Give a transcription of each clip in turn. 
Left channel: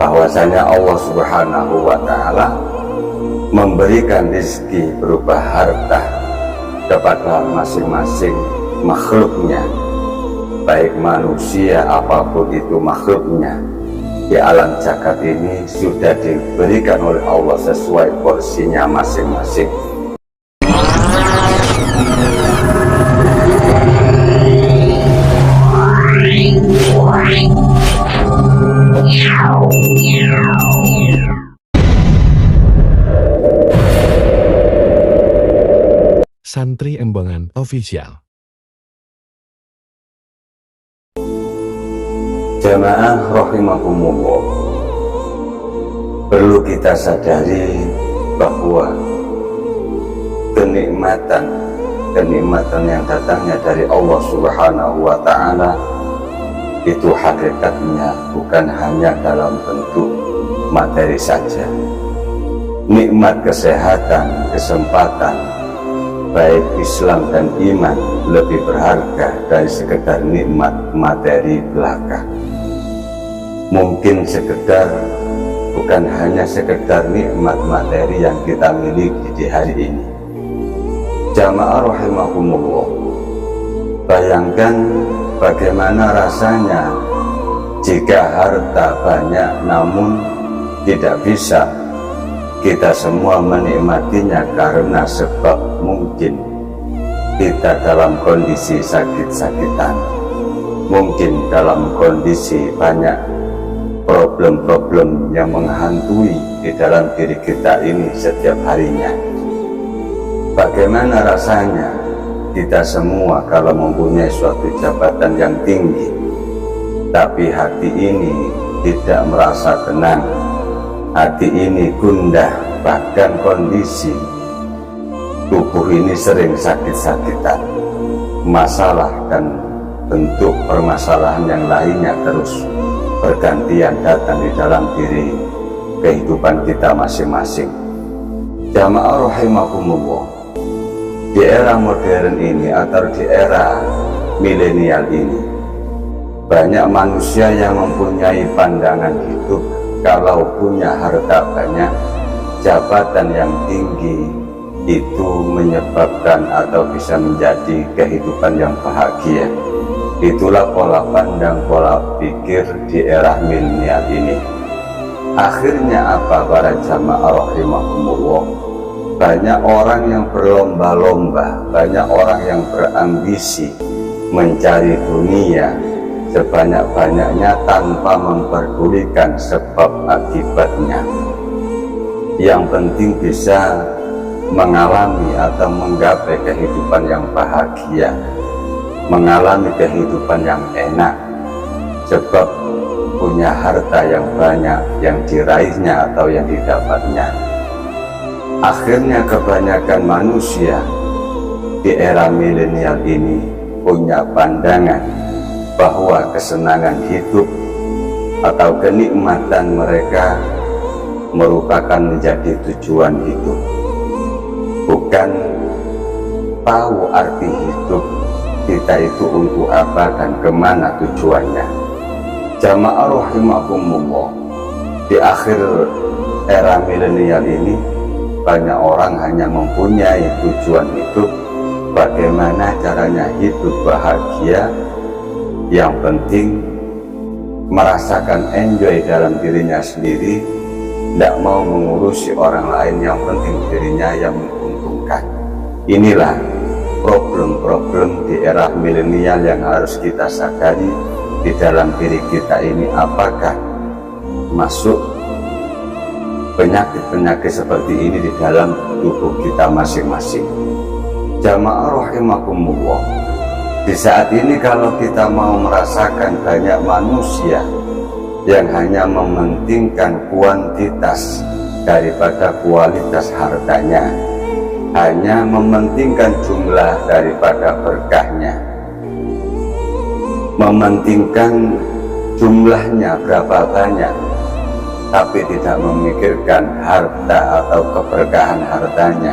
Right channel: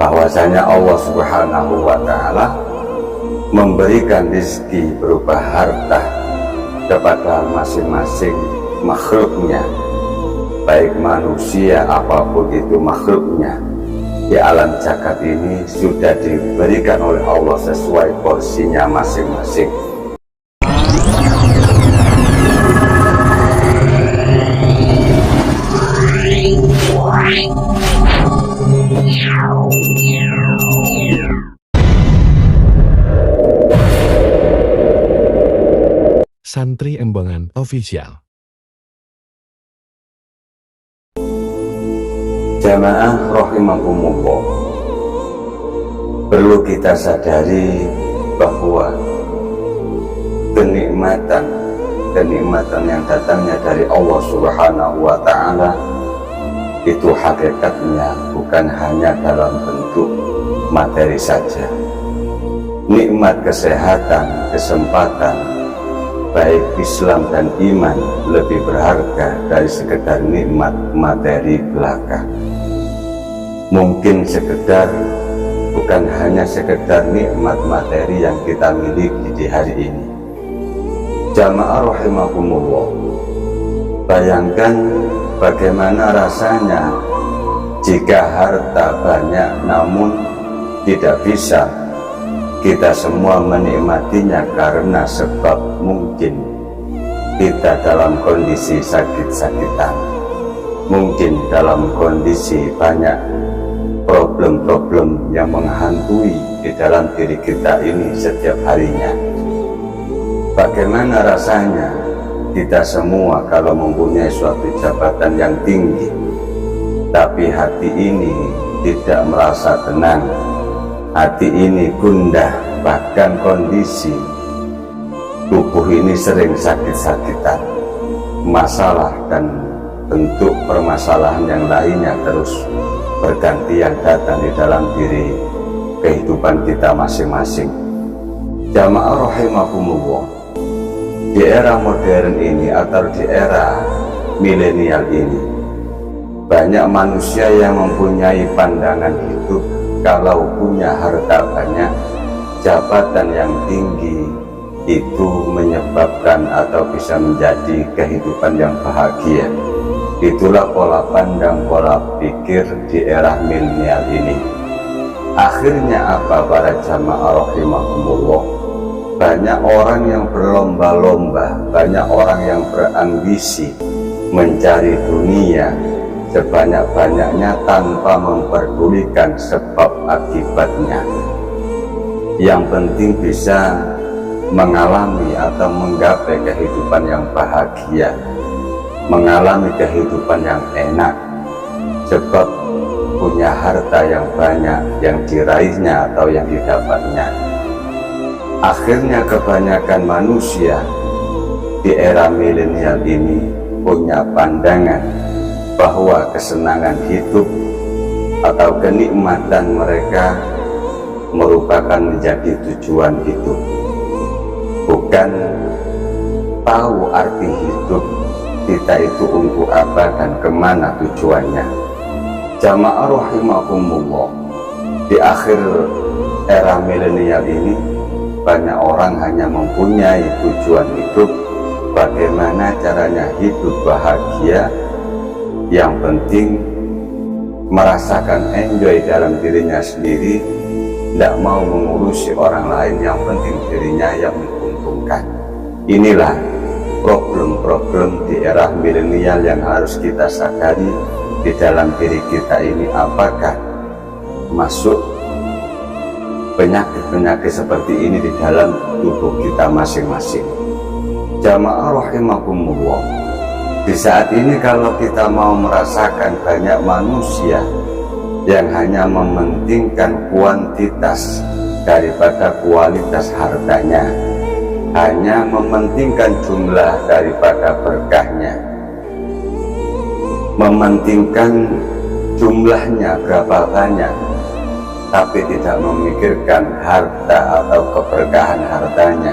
bahwasanya Allah Subhanahu wa Ta'ala memberikan rezeki berupa harta kepada masing-masing makhluknya, baik manusia apapun itu makhluknya di alam jagat ini sudah diberikan oleh Allah sesuai porsinya masing-masing. Santri Embangan Official. Jamaah rahimakumullah, perlu kita sadari bahwa kenikmatan yang datangnya dari Allah Subhanahu wa Ta'ala itu hakikatnya bukan hanya dalam bentuk materi saja. Nikmat kesehatan, kesempatan, baik Islam dan iman lebih berharga dari sekedar nikmat materi belaka. Mungkin bukan hanya sekedar nikmat materi yang kita miliki di hari ini. Jamaah rahimakumullah, bayangkan bagaimana rasanya jika harta banyak namun tidak bisa kita semua menikmatinya karena sebab mungkin kita dalam kondisi sakit-sakitan, mungkin dalam kondisi banyak problem-problem yang menghantui di dalam diri kita ini setiap harinya. Bagaimana rasanya kita semua kalau mempunyai suatu jabatan yang tinggi, tapi hati ini tidak merasa tenang, hati ini gundah, bahkan kondisi tubuh ini sering sakit-sakitan, masalah dan bentuk permasalahan yang lainnya terus bergantian datang di dalam diri kehidupan kita masing-masing. Jamaah rahimakumullah, di era modern ini atau di era milenial ini, banyak manusia yang mempunyai pandangan hidup kalau punya harta banyak, jabatan yang tinggi itu menyebabkan atau bisa menjadi kehidupan yang bahagia. Itulah pola pandang, pola pikir di era milenial ini. Akhirnya apa para jamaah rahimakumullah? Banyak orang yang berlomba-lomba, banyak orang yang berambisi mencari dunia sebanyak-banyaknya tanpa memperdulikan sebab akibatnya. Yang penting bisa mengalami atau menggapai kehidupan yang bahagia, mengalami kehidupan yang enak, sebab punya harta yang banyak yang diraihnya atau yang didapatnya. Akhirnya kebanyakan manusia di era milenial ini punya pandangan bahwa kesenangan hidup atau kenikmatan mereka merupakan menjadi tujuan hidup, bukan tahu arti hidup kita itu untuk apa dan kemana tujuannya. Jamaah rahimakumullah, di akhir era milenial ini banyak orang hanya mempunyai tujuan hidup, bagaimana caranya hidup bahagia, yang penting merasakan enjoy dalam dirinya sendiri, tidak mau mengurusi orang lain, yang penting dirinya yang menguntungkan. Inilah problem-problem di era milenial yang harus kita sadari di dalam diri kita ini. Apakah masuk penyakit-penyakit seperti ini di dalam tubuh kita masing-masing? Jamaah rahimakumullah, di saat ini kalau kita mau merasakan banyak manusia yang hanya mementingkan kuantitas daripada kualitas hartanya, hanya mementingkan jumlah daripada berkahnya, mementingkan jumlahnya berapa banyak, tapi tidak memikirkan harta atau keberkahan hartanya.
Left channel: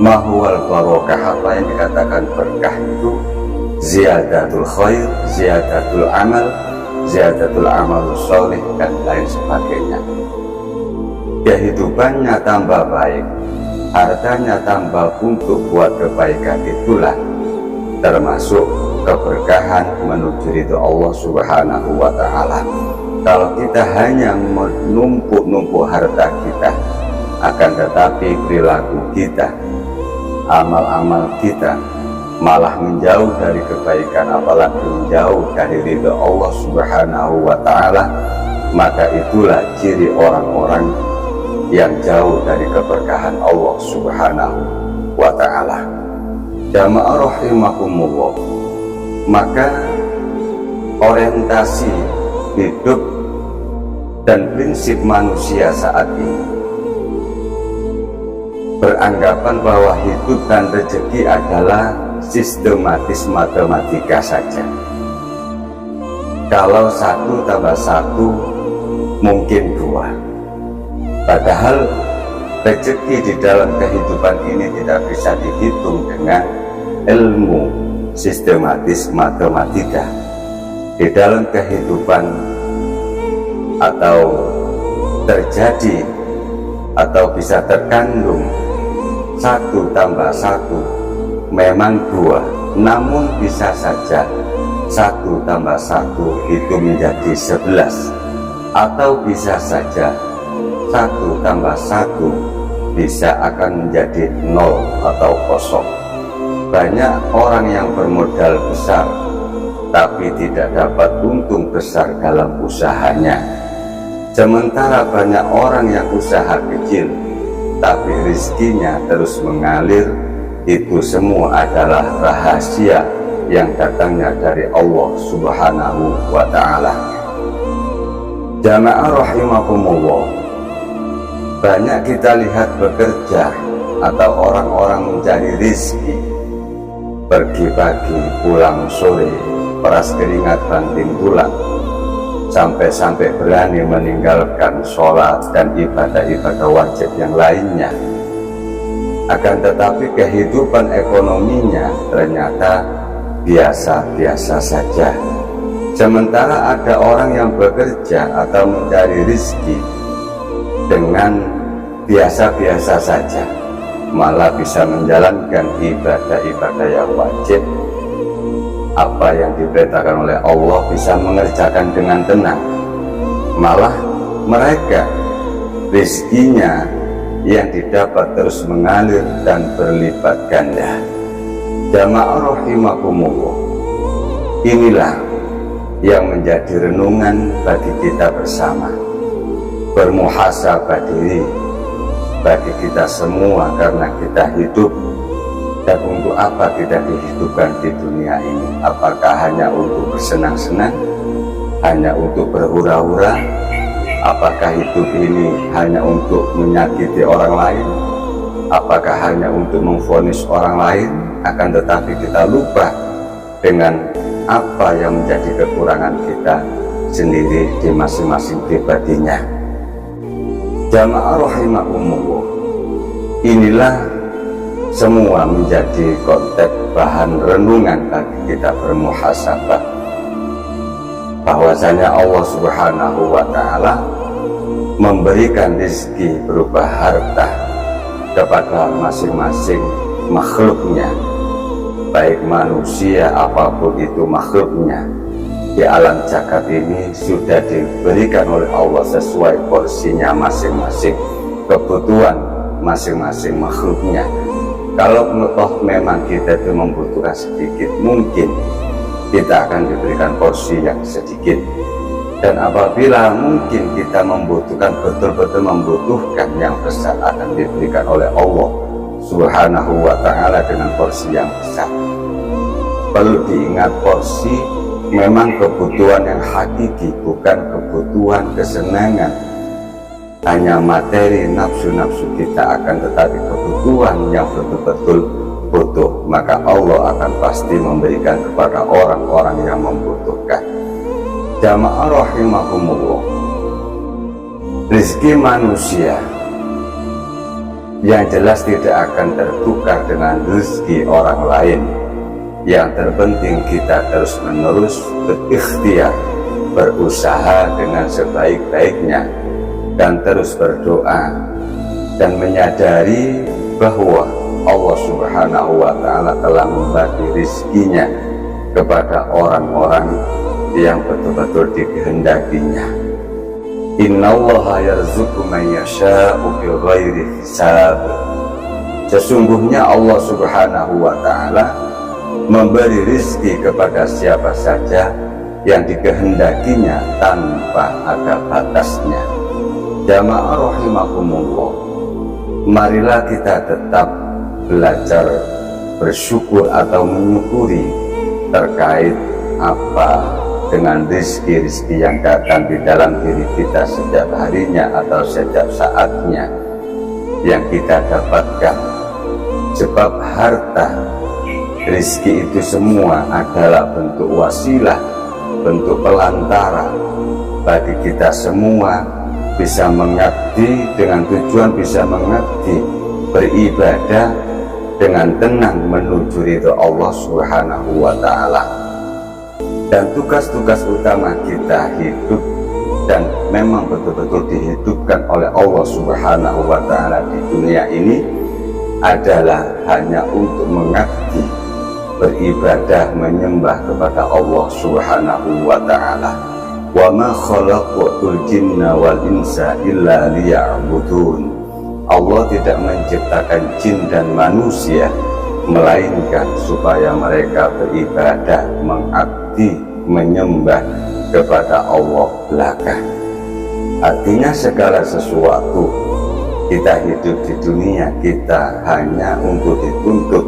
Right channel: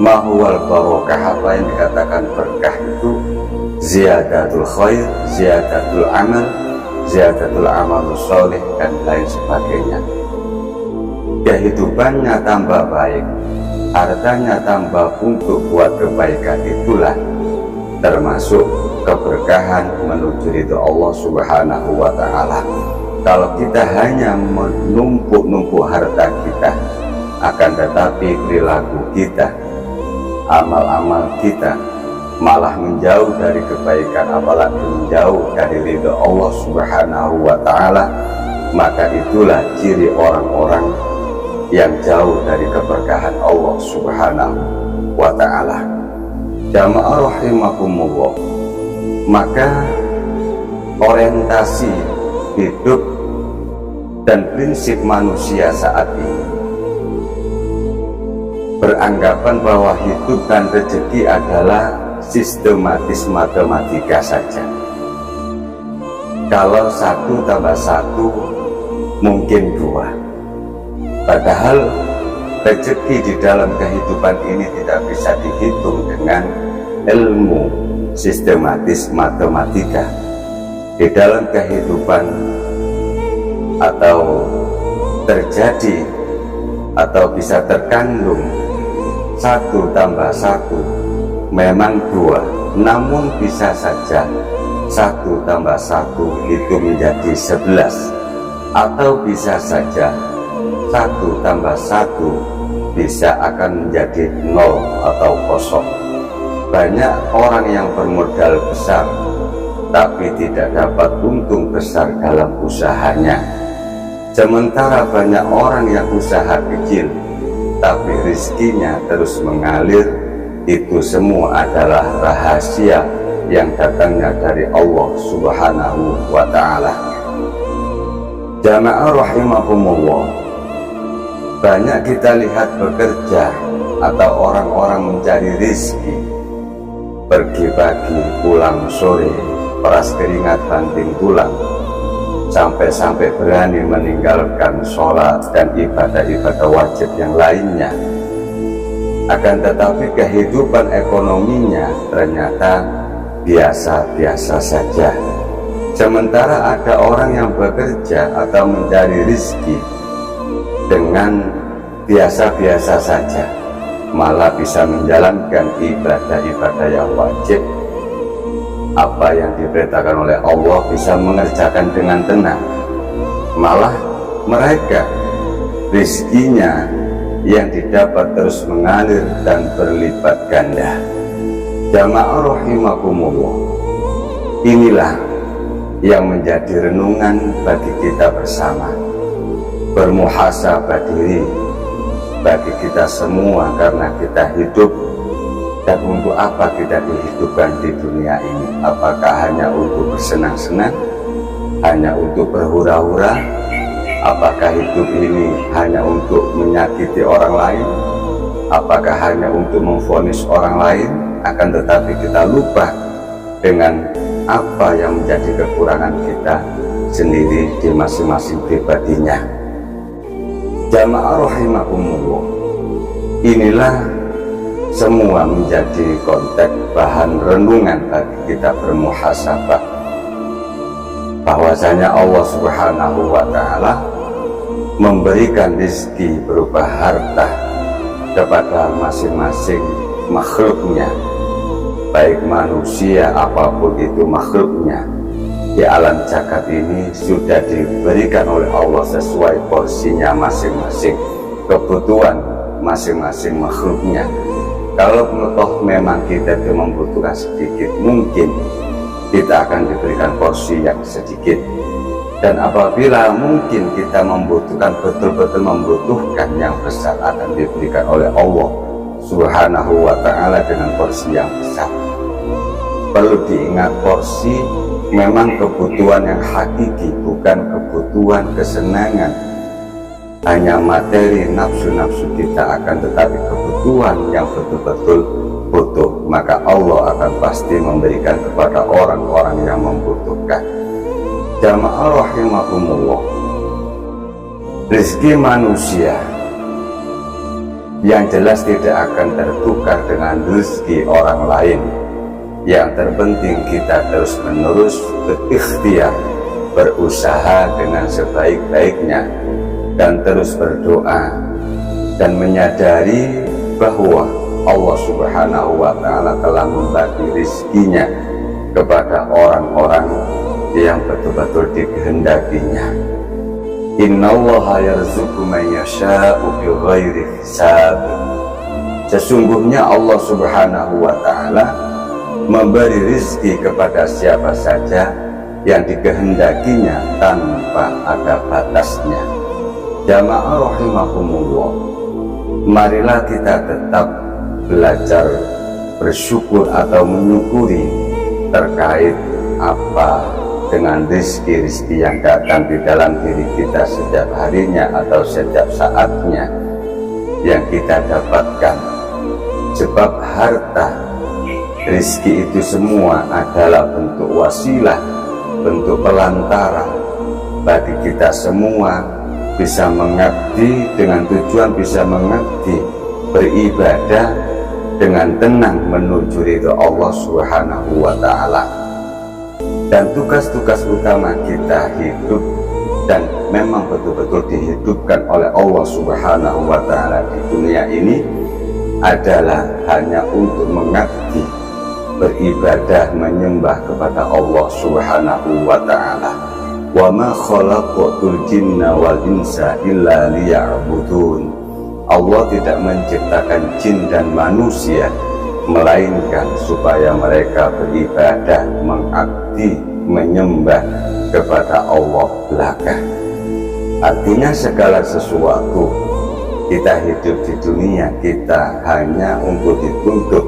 Mahwal barokah, apa yang dikatakan berkah itu? Ziyadatul khair, ziyadatul amal, ziyadatul amal soleh, dan lain sebagainya. Kehidupannya tambah baik, hartanya tambah untuk buat kebaikan, itulah termasuk keberkahan menuju ridho Allah Subhanahu wa Ta'ala. Kalau kita hanya menumpuk-numpuk harta kita, akan tetapi perilaku kita, amal-amal kita malah menjauh dari kebaikan, apalagi menjauh dari ridho Allah Subhanahu wa Ta'ala, maka itulah ciri orang-orang yang jauh dari keberkahan Allah Subhanahu wa Ta'ala. Jamaah rahimakumullah, maka orientasi hidup dan prinsip manusia saat ini beranggapan bahwa hidup dan rezeki adalah sistematis matematika saja. Kalau 1 tambah 1 mungkin 2. Padahal rezeki di dalam kehidupan ini tidak bisa dihitung dengan ilmu sistematis matematika. Di dalam kehidupan atau terjadi atau bisa terkandung 1 tambah 1 memang 2, namun bisa saja 1 tambah 1 itu menjadi 11, atau bisa saja 1 tambah 1 bisa akan menjadi 0 atau kosong. Banyak orang yang bermodal besar tapi tidak dapat untung besar dalam usahanya, sementara banyak orang yang usaha kecil tapi rezekinya terus mengalir. Itu semua adalah rahasia yang datangnya dari Allah Subhanahu wa Ta'ala. Jamaah rahimakumullah, banyak kita lihat bekerja atau orang-orang mencari rezeki, pergi pagi pulang sore, peras keringat banting tulang, sampai-sampai berani meninggalkan sholat dan ibadah-ibadah wajib yang lainnya. Akan tetapi kehidupan ekonominya ternyata biasa-biasa saja. Sementara ada orang yang bekerja atau mencari rezeki dengan biasa-biasa saja, malah bisa menjalankan ibadah-ibadah yang wajib. Apa yang diperintahkan oleh Allah bisa mengerjakan dengan tenang. Malah mereka rezekinya yang didapat terus mengalir dan berlipat ganda. Jamaah rahimakumullah, inilah yang menjadi renungan bagi kita bersama, bermuhasabah diri bagi kita semua, karena kita hidup. Dan untuk apa kita dihidupkan di dunia ini? Apakah hanya untuk bersenang-senang, hanya untuk berhura-hura? Apakah hidup ini hanya untuk menyakiti orang lain? Apakah hanya untuk memvonis orang lain? Akan tetapi kita lupa dengan apa yang menjadi kekurangan kita sendiri di masing-masing pribadinya. Jamaah rahimakumullah, inilah semua menjadi konteks bahan renungan bagi kita bermuhasabah, bahwasanya Allah Subhanahu wa Ta'ala memberikan rezeki berupa harta kepada masing-masing makhluknya, baik manusia apapun itu makhluknya di alam jagat ini sudah diberikan oleh Allah sesuai porsinya masing-masing, kebutuhan masing-masing makhluknya. Kalau toh memang kita itu membutuhkan sedikit, mungkin kita akan diberikan porsi yang sedikit. Dan apabila mungkin kita membutuhkan, betul-betul membutuhkan yang besar, akan diberikan oleh Allah Subhanahu wa Ta'ala dengan porsi yang besar. Perlu diingat, porsi memang kebutuhan yang hakiki, bukan kebutuhan kesenangan, hanya materi nafsu-nafsu kita, akan tetapi kebutuhan yang betul-betul butuh, maka Allah akan pasti memberikan kepada orang-orang yang membutuhkan. Jamaah rahimakumullah, rezeki manusia yang jelas tidak akan tertukar dengan rezeki orang lain. Yang terpenting kita terus-menerus berikhtiar berusaha dengan sebaik-baiknya, dan terus berdoa dan menyadari bahwa Allah Subhanahu wa Ta'ala telah membagi rizkinya kepada orang-orang yang betul-betul dikehendakinya. Innallaha yarzuqu man yasha'u bighairi hisab. Sesungguhnya Allah Subhanahu wa Ta'ala memberi rizki kepada siapa saja yang dikehendakinya tanpa ada batasnya. Jamaah rahimakumullah, marilah kita tetap belajar bersyukur atau menyukuri terkait apa dengan rizki-rizki yang datang di dalam diri kita setiap harinya atau setiap saatnya yang kita dapatkan. Sebab harta, rizki itu semua adalah bentuk wasilah, bentuk pelantara bagi kita semua bisa mengabdi, dengan tujuan bisa mengabdi, beribadah dengan tenang menuju ridho Allah Subhanahu wa Ta'ala. Dan tugas-tugas utama kita hidup dan memang betul-betul dihidupkan oleh Allah Subhanahu wa Ta'ala di dunia ini adalah hanya untuk mengabdi, beribadah, menyembah kepada Allah Subhanahu wa Ta'ala. Wa ma khalaqatul jinna wal insa illa liya'budun. Allah tidak menciptakan jin dan manusia melainkan supaya mereka beribadah, mengabdi, menyembah kepada Allah belaka. Artinya segala sesuatu kita hidup di dunia kita hanya untuk dituntut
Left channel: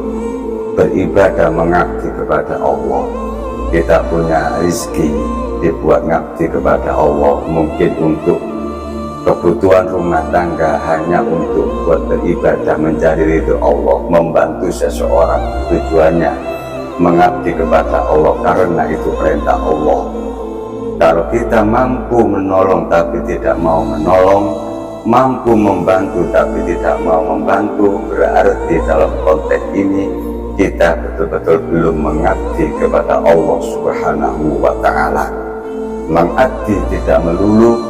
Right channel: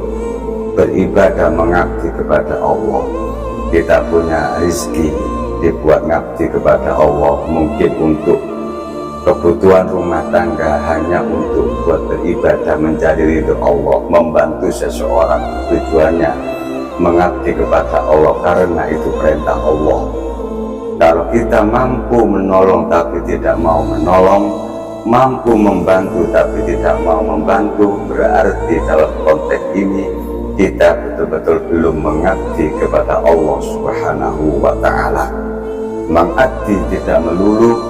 beribadah, mengabdi kepada Allah. Kita punya rizki dibuat ngabdi kepada Allah, mungkin untuk kebutuhan rumah tangga, hanya untuk buat beribadah mencari ridho Allah, membantu seseorang, tujuannya mengabdi kepada Allah karena itu perintah Allah. Kalau kita mampu menolong tapi tidak mau menolong, mampu membantu tapi tidak mau membantu, berarti dalam konteks ini kita betul-betul belum mengabdi kepada Allah Subhanahu wa Ta'ala. Mengabdi tidak melulu,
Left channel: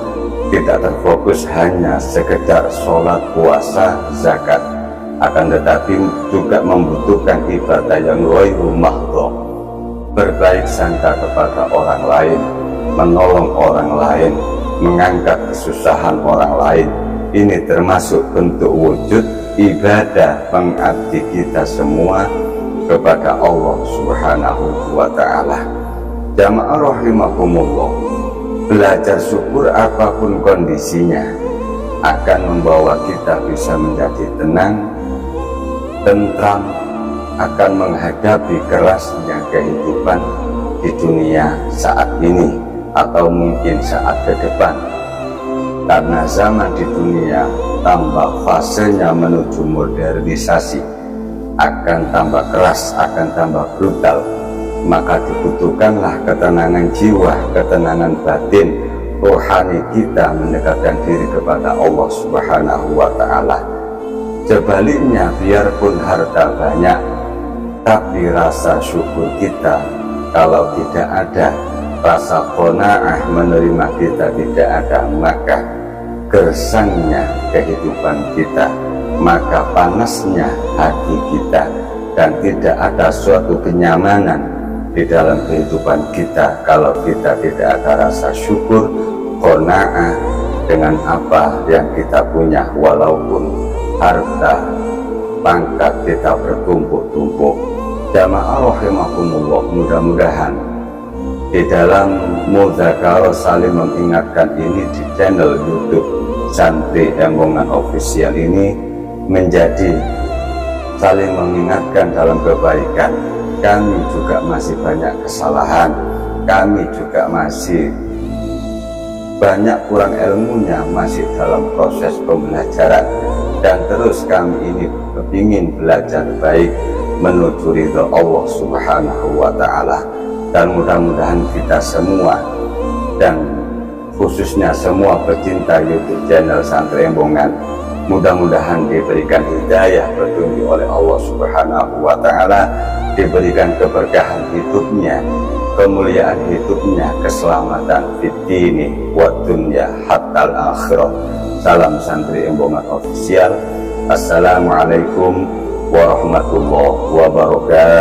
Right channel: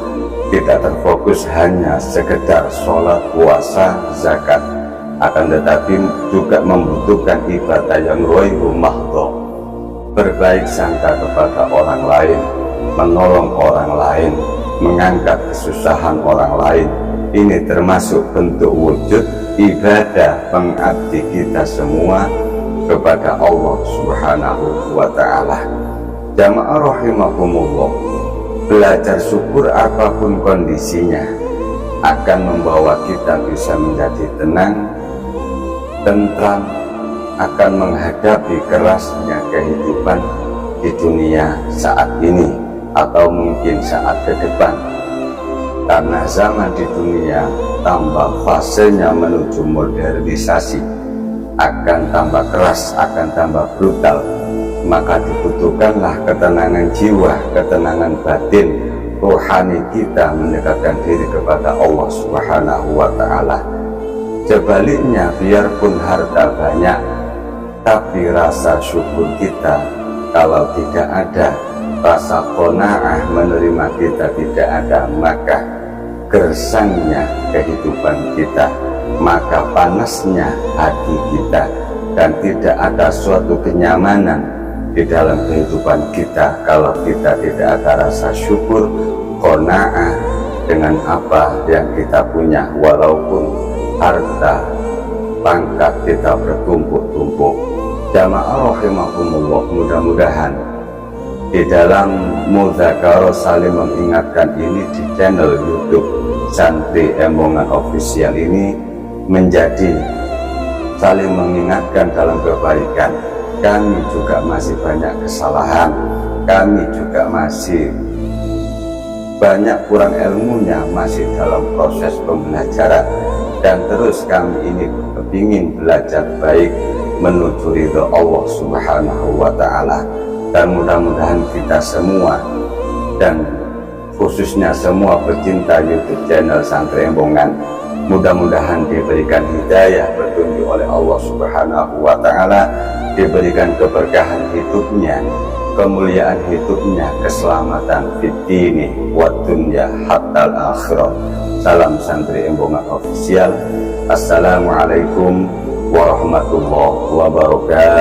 tidak terfokus hanya sekedar sholat, puasa, zakat, akan tetapi juga membutuhkan ibadah yang ghairu mahdhah, berbaik sangka kepada orang lain, menolong orang lain, mengangkat kesusahan orang lain. Ini termasuk bentuk wujud ibadah mengabdi kita semua kepada Allah Subhanahu wa Ta'ala. Jamaah rahimakumullah, belajar syukur apapun kondisinya akan membawa kita bisa menjadi tenang, tentram, akan menghadapi kerasnya kehidupan di dunia saat ini atau mungkin saat ke depan. Karena zaman di dunia tambah fasenya menuju modernisasi, akan tambah keras, akan tambah brutal, maka dibutuhkanlah ketenangan jiwa, ketenangan batin, rohani kita mendekatkan diri kepada Allah Subhanahu wa Ta'ala. Sebaliknya, biarpun harta banyak, tapi rasa syukur kita kalau tidak ada, rasa qanaah menerima kita tidak ada, maka gersangnya kehidupan kita, maka panasnya hati kita, dan tidak ada suatu kenyamanan di dalam kehidupan kita kalau kita tidak ada rasa syukur, qanaah dengan apa yang kita punya, walaupun harta pangkat kita bertumpuk-tumpuk. Jamaah rahimakumullah, mudah-mudahan di dalam Mudzakarah saling mengingatkan ini di channel YouTube Santri Embongan Official ini menjadi saling mengingatkan dalam kebaikan. Kami juga masih banyak kesalahan, kami juga masih banyak kurang ilmunya, masih dalam proses pembelajaran, dan terus kami ini ingin belajar baik menuju ridho Allah Subhanahu wa Ta'ala. Dan mudah-mudahan kita semua, dan khususnya semua pecinta YouTube channel Santri Embongan, mudah-mudahan diberikan hidayah, petunjuk oleh Allah Subhanahu wa Ta'ala, diberikan keberkahan hidupnya, kemuliaan hidupnya, keselamatan fitini wa dunya hatta akhirah. Salam Santri Embongan Official. Assalamualaikum warahmatullahi wabarakatuh.